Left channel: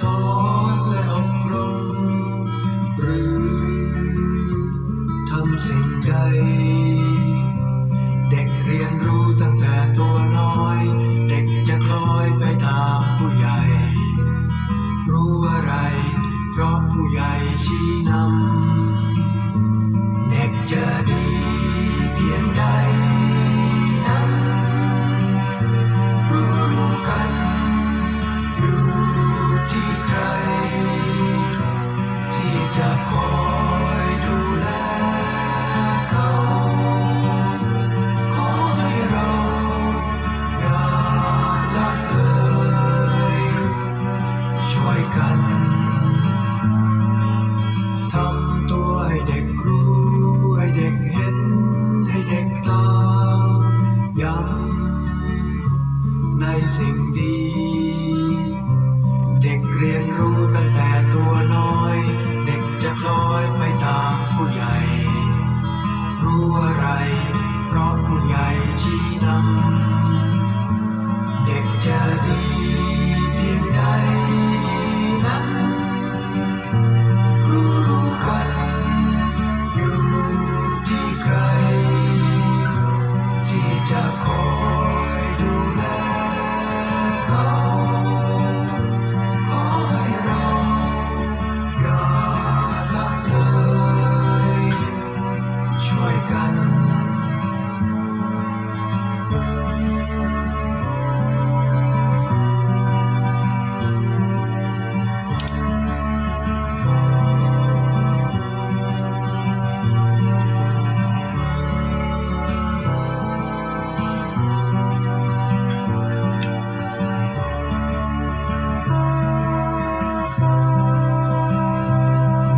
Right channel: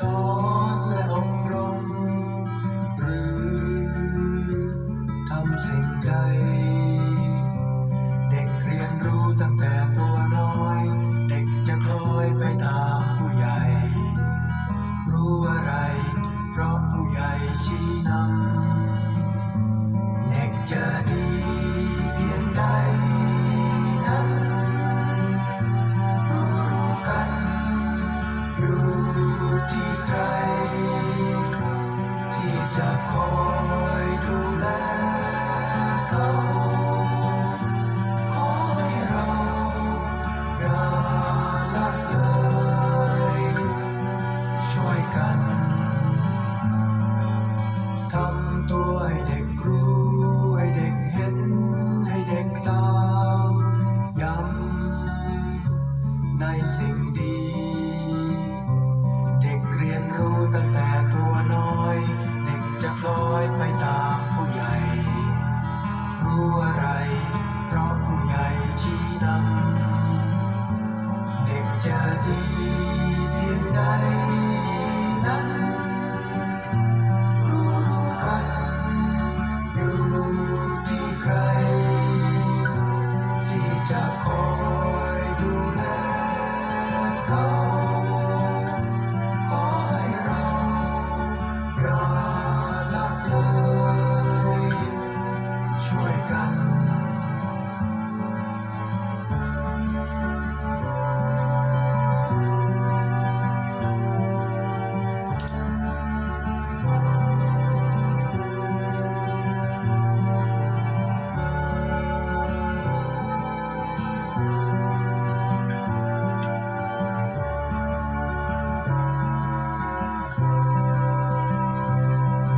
สอนและอบรมหรือทำสิ่งใดเด็กเรียนรู้ตั้งแต่ตัวน้อยเด็กจะคล้อยไปตามผู้ใหญ่รู้อะไรเพราะผู้ใหญ่ชี้นำเด็กจะดีเพียงใดนั้นรู้กันอยู่ที่ใครที่จะคอยดูแลเขาขอให้เราอย่าละเลยช่วยกันทำตัวให้เด็กรู้ให้เด็กเห็นให้เด็กตามย้ำในสิ่งดีเด็กเรียนรู้ตั้งแต่ตัวน้อยเด็กจะคล้อยไปตามผู้ใหญ่รู้อะไรเพราะผู้ใหญ่ชี้นำเด็กจะดีเพียงใดนั้นรู้กันอยู่ที่ใครที่จะคอยดูแลเขาขอให้เราอย่าละเลยช่วยกัน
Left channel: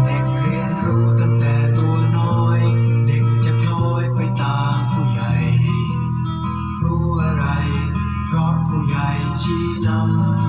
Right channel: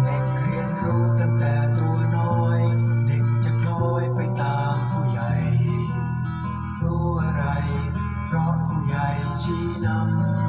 เด็กเรียนรู้ตั้งแต่ตัวน้อยเด็กจะคล้อยไปตามผู้ใหญ่รู้อะไรเพราะผู้ใหญ่ชี้นำ